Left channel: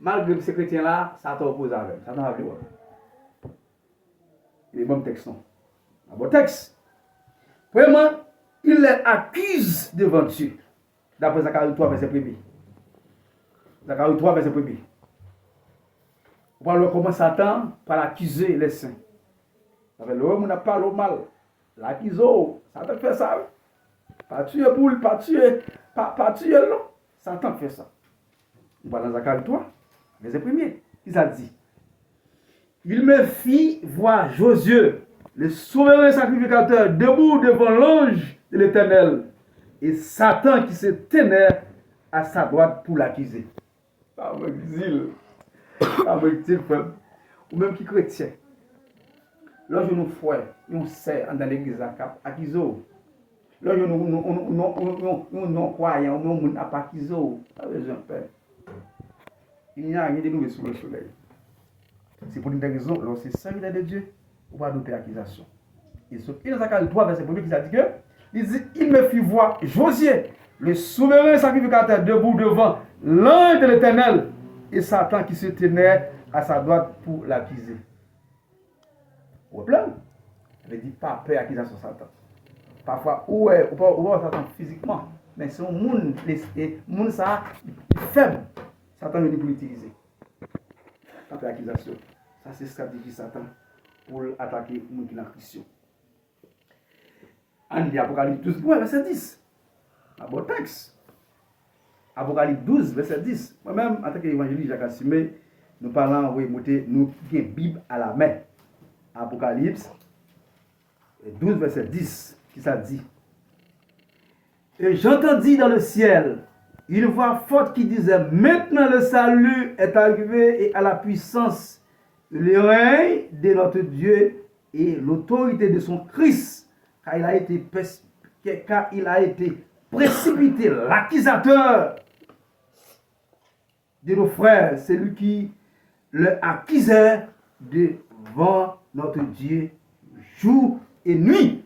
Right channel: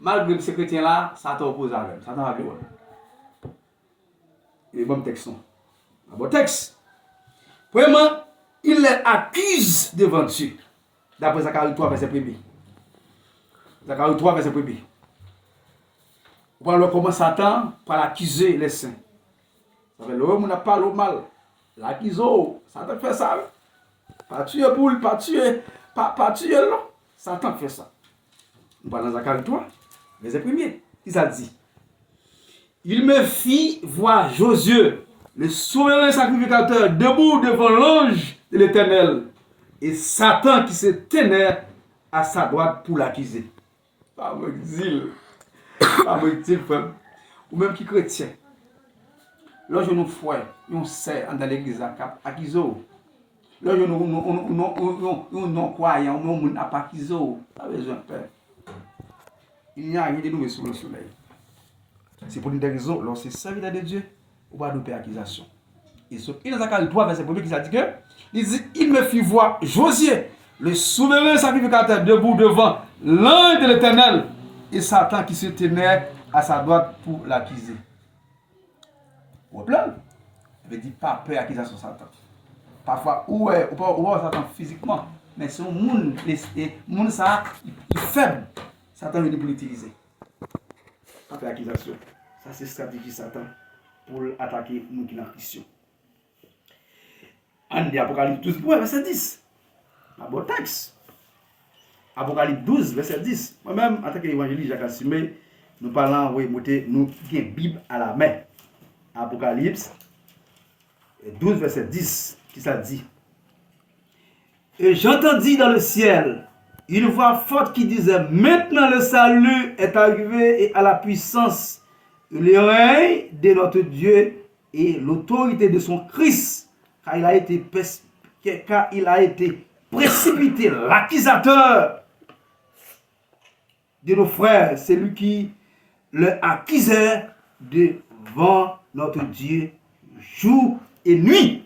malgré ces chrétiens-là, Satan oppose à eux. Satan va bien. Et bon texte. Un bon texte. Premièrement, il les accuse devant Dieu. D'après Zacharie 3, verset 1er. Zacharie 3, verset 1er. On va voir comment Satan va l'accuser les saints. Ça fait l'homme n'a pas le mal. L'accuse, Satan fait ça. Pas tuer boule, pas tuer non. Satan fait ça. On va dans Zacharie 3, verset 1er. Il a dit, il me fit voir Josué, le souverain sacrificateur, debout devant l'ange de l'Éternel, et Satan qui se tenait à sa droite pour l'accuser. Pas me dire, ou même qui chrétien. Lorsque nous frères, nous sert dans l'église à cap, accusé. Lorsque nous non-croyants, nous n'a pas accusé, pas besoin de peur. Il n'y a rien de nouveau sous le soleil. C'est pour une des raisons, lorsque c'est serviteur de Dieu, on va nous faire accusation. Et ce qui nous a dit 3 verset 1 qui a dit que, il me fit voir Josué, le souverain sacrificateur, debout devant l'ange de l'Éternel, et Satan qui se tenait à sa droite pour l'accuser. Vous voyez, il veut dire pas peur accusation de Satan. Parfois, on voit Satan physiquement, mais c'est un monde, ça, il est faible. Satan veut pour l'utiliser. Pas peur accusation. Ça, c'est stratégie Satan pour attaquer nous qui sommes Christians. En dit Apocalypse 12, verset 10. Un bon texte. Apocalypse 12, verset 10. Moi-même, en tant qu'évangéliste Jacques Assumé, nous parlons, oui, nous avons une Bible à la main. Apocalypse 12, verset 10, qui ça dit. Et j'entendis dans le ciel une voix forte qui disait, maintenant le salut est arrivé et à la puissance, le règne de notre Dieu et l'autorité de son Christ, car il a été précipité, l'accusateur de nos frères, celui qui le accusait devant notre Dieu jour et nuit.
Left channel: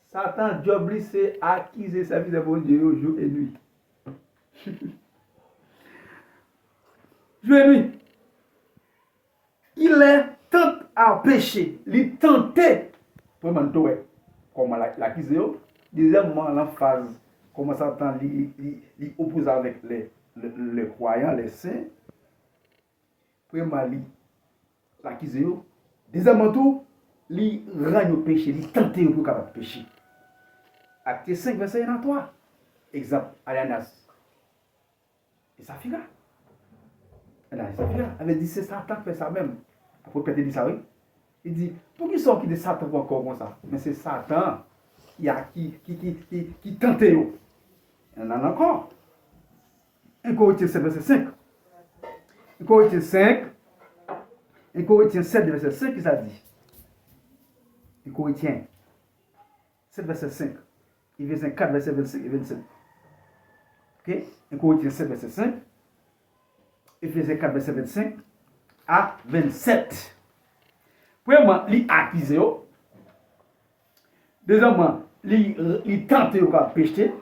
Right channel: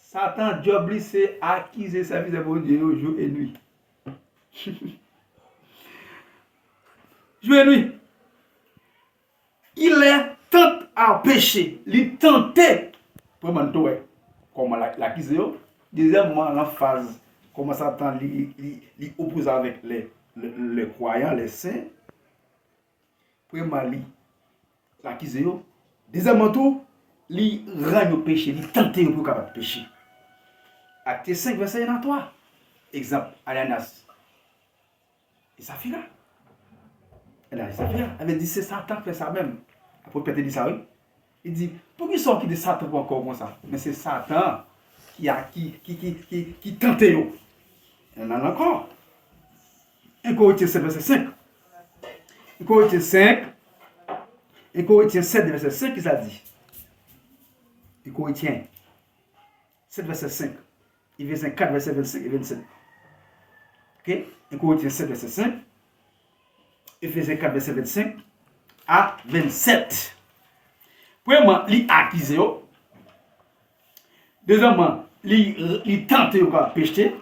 Satan, job, c'est accuser sa vie de bon Dieu jour et nuit. Jour et nuit. Il est tenté à pécher. Il tentait. Pour moi, comment l'accuser. Deuxièmement, en phase, comment Satan oppose avec les croyants, les saints. Premièrement, l'accuser. Deuxièmement, tout, il rend au péché. Il tentait pour capable pécher. Acte 5, verset 1 à 3. Exemple, Ananas. Et Saphira. Et Saphira avait dit c'est Satan qui fait ça même. Après, Pierre dit ça, oui. Il dit, pour qui sont qui de Satan encore comme ça? Mais c'est Satan qui tente. Il y en a encore. 1 Corinthiens 7, verset 5. 1 Corinthiens 5. 1 Corinthiens 7, verset 5, qui ça dit? 1 Corinthiens 7, verset 5. Éphésiens 4, verset 25 et 27. Ok? 1 Corinthiens 7, verset 5. Éphésiens 4, verset 25 à 27. Premièrement, il accuse. Deuxièmement, il tente de pécher.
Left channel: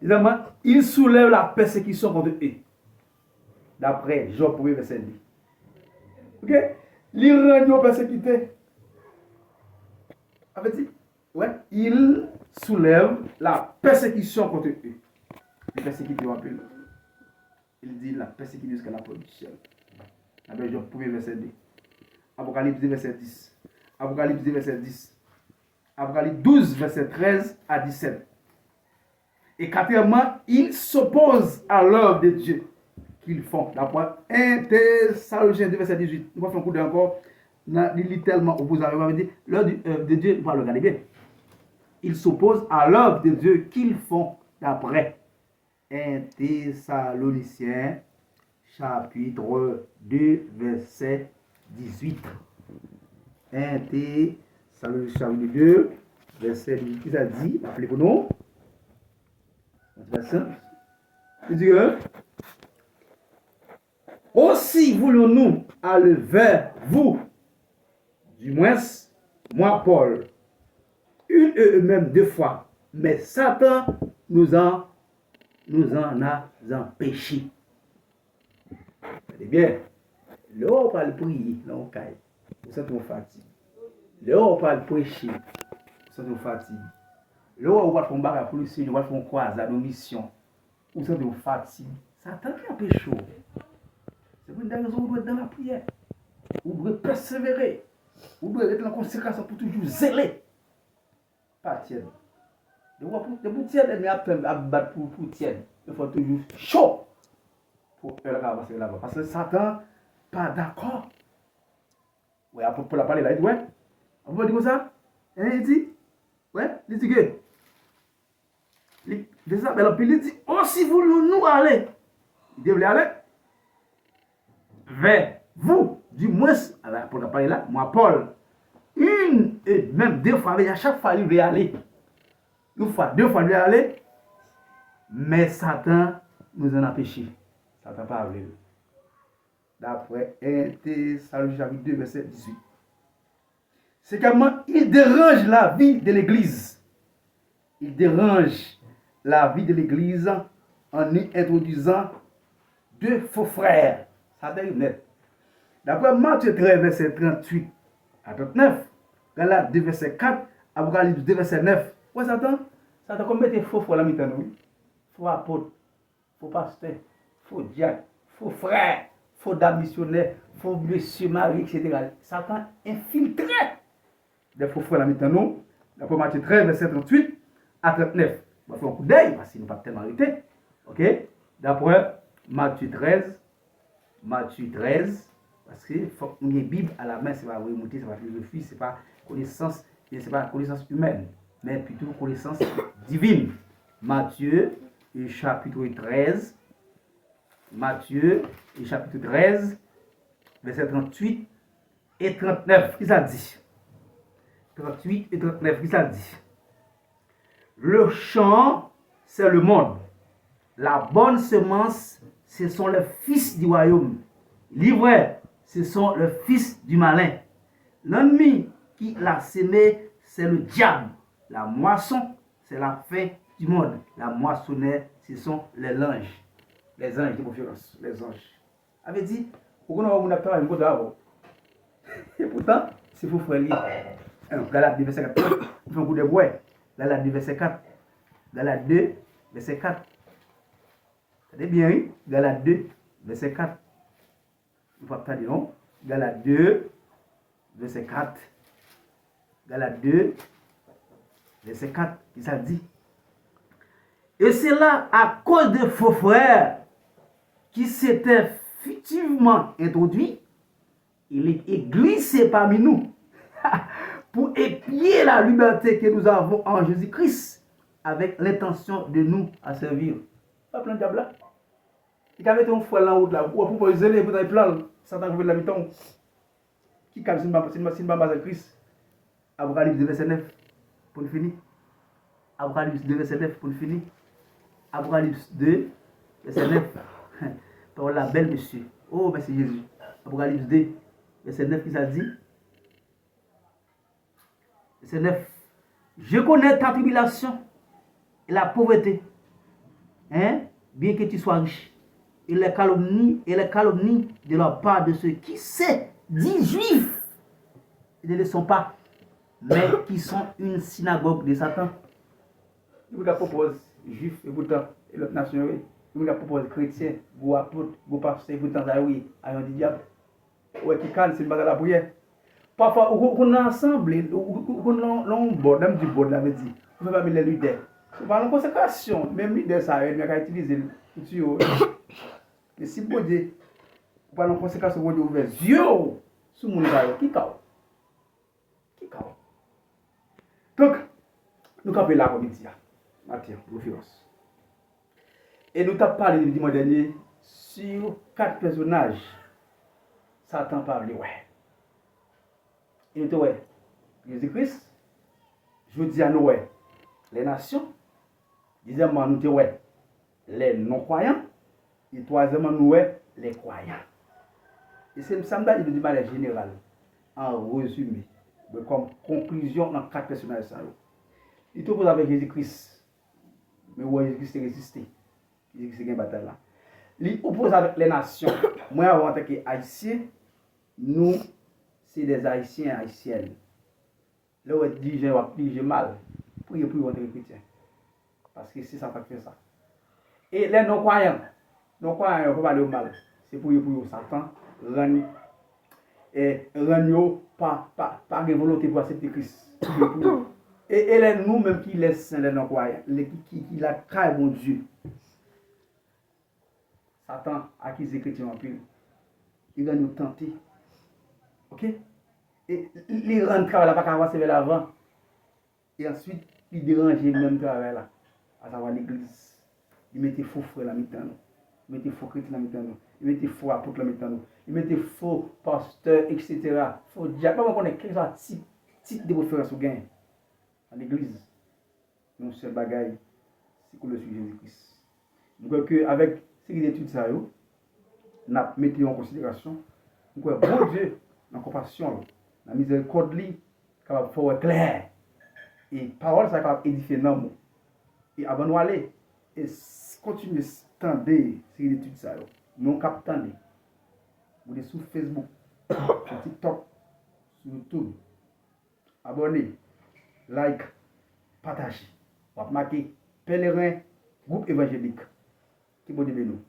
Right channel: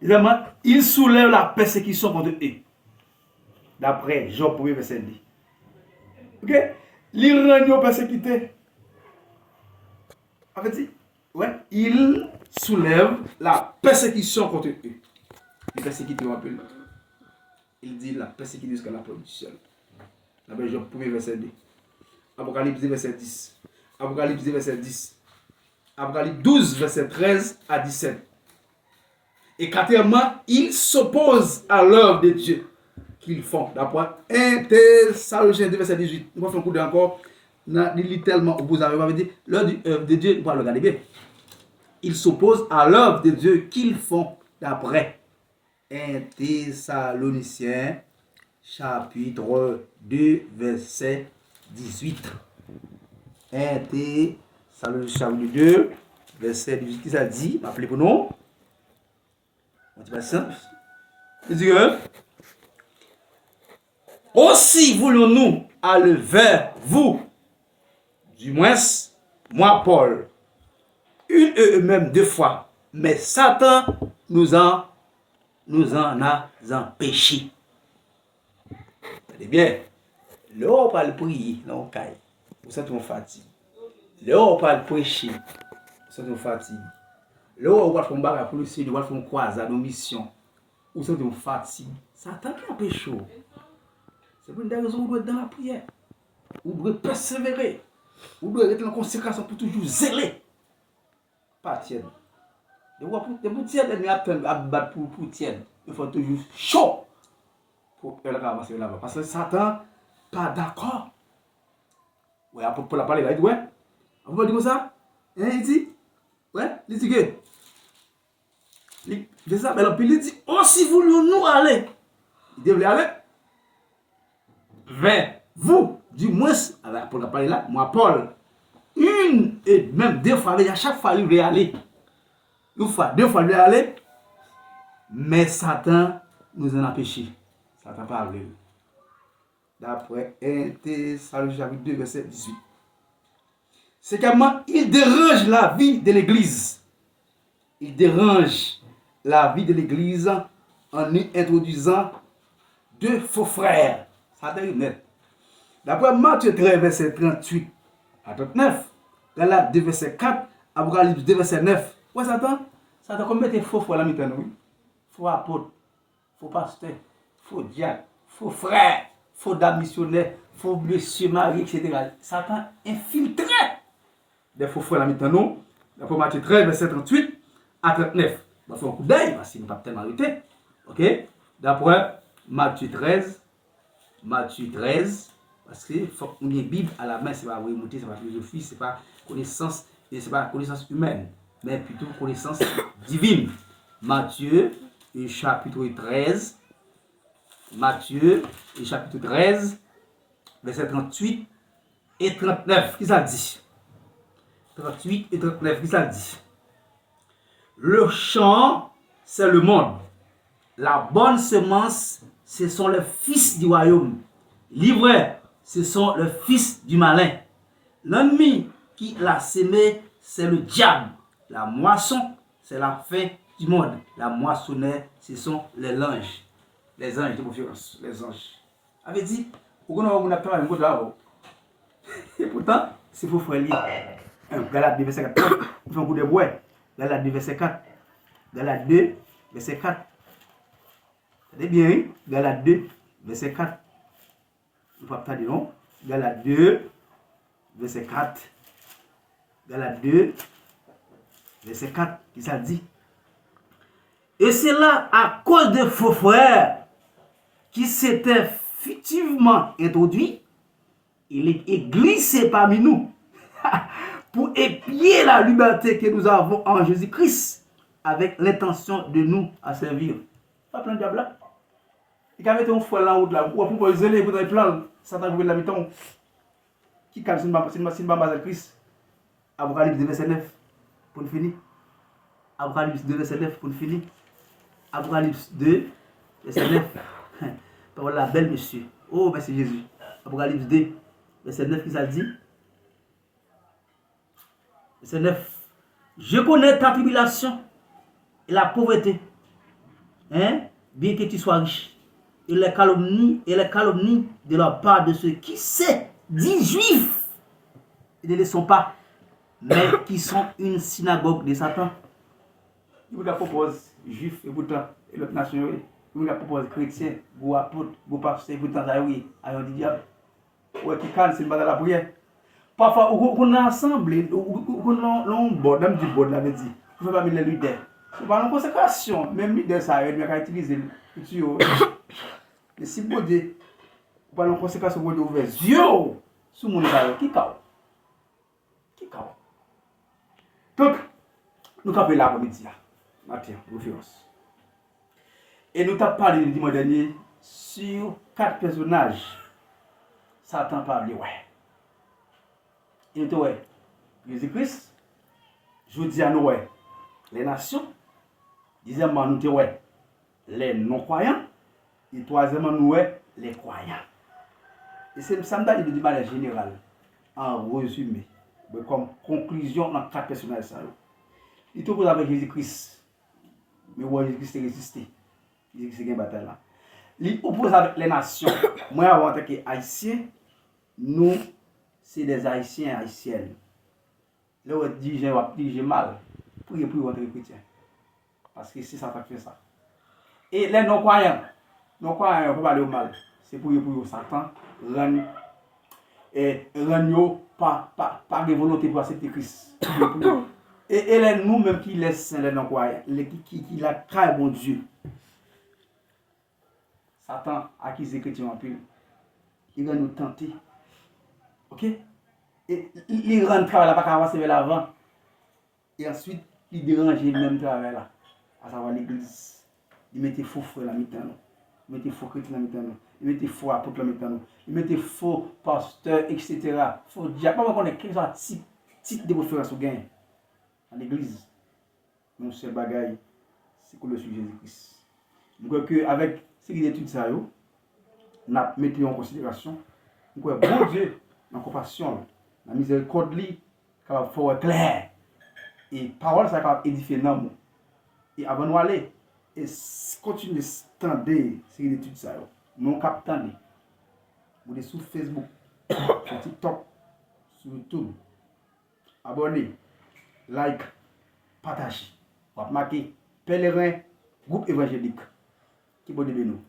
Deuxièmement, il soulève la persécution contre eux. D'après Job 1, verset 10. Ok? Il rend persécuté. En fait, ouais, il soulève la persécution contre eux. Il persécute un peu. Il dit la persécution jusqu'à la production. D'après Job 1, verset 2. Apocalypse 2, verset 10. Apocalypse 2, verset 10. Apocalypse 12, verset 13 à 17. Et quatrièmement, il s'oppose à l'œuvre de Dieu qu'ils font. D'après 1 Thessaloniciens 2, verset 18. On va faire un coup d'encore. Il est tellement opposé à l'œuvre de Dieu. On va le regarder bien. Il s'oppose à l'œuvre de Dieu qu'ils font. D'après 1 Thessaloniciens chapitre 2, verset 18. 1 Thessaloniciens chapitre 2, verset 18. Qui ça dit? Appelez pour nous. Il dit que aussi voulons-nous aller vers vous, du moins, moi, Paul, une et même 2 fois, mais Satan nous en a empêchés. Eh bien, là on parle prier, là on caille. Vous sentez une fatigue. Là on parle prêcher, vous sentez une fatigue. Là on va faire un bagage pour le Seigneur, on va faire une croisade, une mission. Vous sentez une fatigue. Satan qui empêche chaud. C'est pour une des raisons où vous doit être dans la prière. Vous devez persévérer. Vous devez être en conséquence pour toujours zéler. Pas tienne. De vous tienne, et à battre pour tienne. Il faut toujours chaud pour faire avancer là-bas. Parce que Satan, pas d'accord. Ouais, pour la parler là, il dit, ouais. On va dire comme ça. Hein, il dit, ouais, il dit que. Il dit ça, mais il dit, oh, si vous nous allez. Il devait aller vers vous, du moins, pour la parler là, moi, Paul, une et même deux fois, à chaque fois, il veut aller. Une fois, deux fois, il veut aller. Mais Satan nous en a péché. Satan parle. D'après 1 Thessaloniciens chapitre 2, verset 18. C'est comment il dérange la vie de l'Église. Il dérange la vie de l'Église en y introduisant deux faux frères. Satan est net. D'après Matthieu 13, verset 38 à 39, Galates 2, verset 4, Apocalypse 2, verset 9. Ouais, Satan, combien de faux frères là maintenant, oui? Faux apôtres, faux pasteurs, faux diacres, faux frères, faux dames missionnaires, faux monsieur Marie, etc. Satan infiltré des faux frères là maintenant, d'après Matthieu 13, verset 38 à 39. On va faire un coup d'œil, parce qu'il n'est pas tellement arrêté. Ok? D'après Matthieu 13, parce qu'il faut qu'on ait Bible à la main, c'est pas remonter, c'est pas philosophie, c'est pas connaissance, c'est pas connaissance humaine, mais plutôt connaissance divine. Matthieu, chapitre 13, verset 38 et 39, qu'est-ce que ça dit? 38 et 39, qu'est-ce que ça dit? Le champ, c'est le monde. La bonne semence, ce sont les fils du royaume. L'ivraie, ce sont les fils du malin. L'ennemi qui l'a sémé, c'est le diable. La moisson, c'est la fin du monde. La moissonneur, ce sont les anges. Les anges de confiance. Les anges. Avait dit, on a pas un mot d'avant. Et pourtant, c'est faux frère lié. Galate 2, verset 4. Il faut un coup de bois. Galate 2, verset 4. Galate 2, verset 4. C'est bien, hein? Galate 2, verset 4. Il ne faut pas dire non. Galate 2, verset 4. Galate 2, verset 4. Il ça dit. Et c'est là à cause de faux frères qui s'étaient fictivement introduits, il est glissé parmi nous pour épier la liberté que nous avons en Jésus-Christ avec l'intention de nous à servir. Pas plein de diable là. Il a mis un fouet là en haut là, ou pour zéler, pour dans plan, Satan pour l'habitant. Qui calme si ma Christ. Apocalypse 2 verset 9 pour le finir. Apocalypse 2 verset 9 pour le finir. Apocalypse 2 verset 9. Par la belle monsieur. Oh merci Jésus. Apocalypse 2 verset 9 qui ça dit. Verset 9. Je connais ta tribulation et la pauvreté. Hein? Bien que tu sois riche. Et les calomnies de la part de ceux qui se disent juifs et ne le sont pas, mais qui sont une synagogue de Satan. Il vous la propose juif et pourtant, et l'autre nation, il vous la propose chrétien, vous apôtre, vous pasteur, vous pourtant, oui, à un diable. Ouais, qui calme, c'est une bataille à la prière. Parfois, on a ensemble, on bord, même du bord, l'avait dit, on ne peut pas mettre les leaders. On parle en consécration, même leader, ça, il va utiliser le mais si vous dites, vous parlez en conséquence, vous dites ouvert, yo, sous mon état, qui cao? Donc, nous avons là pour midi, Mathieu, référence. Et nous avons parlé le dimanche dernier sur 4 personnages. Satan parle, ouais. Il était, ouais, Jésus-Christ, je dis à nous, ouais, les nations. Deuxièmement, nous, ouais, les non-croyants. Et troisièmement, nous, les croyants. Et c'est ça me dit de manière générale, en résumé, comme conclusion dans 4 personnages. Il te avec Jésus-Christ. Mais ouais, Jésus-Christ est résisté. Jésus-Christ est une bataille là. il oppose avec les nations. Moi, en tant qu'Haïtien, nous, c'est des Haïtiens, Haïtiennes. Là, on dirige mal. Priez pour votre chrétien. Parce que c'est ça qui fait ça. Et les non-croyants, ne peuvent pas aller au mal. C'est pour Satan, rendre pas de volonté pour accepter Christ. Et les nous-mêmes qui laissent les non-croyants, qui la trahissent bon Dieu. Satan accuse les chrétiens en pile. Il va nous tenter. Ok? Et il rend le travail là, pas avancer vers l'avant. Et ensuite, il dérange le même travail là. À savoir l'église. Il mettait faux frère la mi-temps. Il mettait faux chrétien la mi-temps. Il mettait faux apôtre la mi-temps. Il mettait faux pasteur, etc. Faux diable. Pas qu'on est quel genre type de référence au gain. À l'église. Mon seul bagaille, c'est que le sujet Jésus-Christ. Donc, avec ces études, ça, nous mettons en considération. Donc, bon Dieu, en compassion, la miséricorde, capable de faire clair. Et parole, ça capable d'édifier l'homme. Et avant de aller, et continuer à tendre ces études, ça, nous captons. Vous êtes sur Facebook, sur TikTok, sur YouTube. Abonnez, like, partagez. Vous marquez pèlerin, groupe évangélique. Qui vous nous.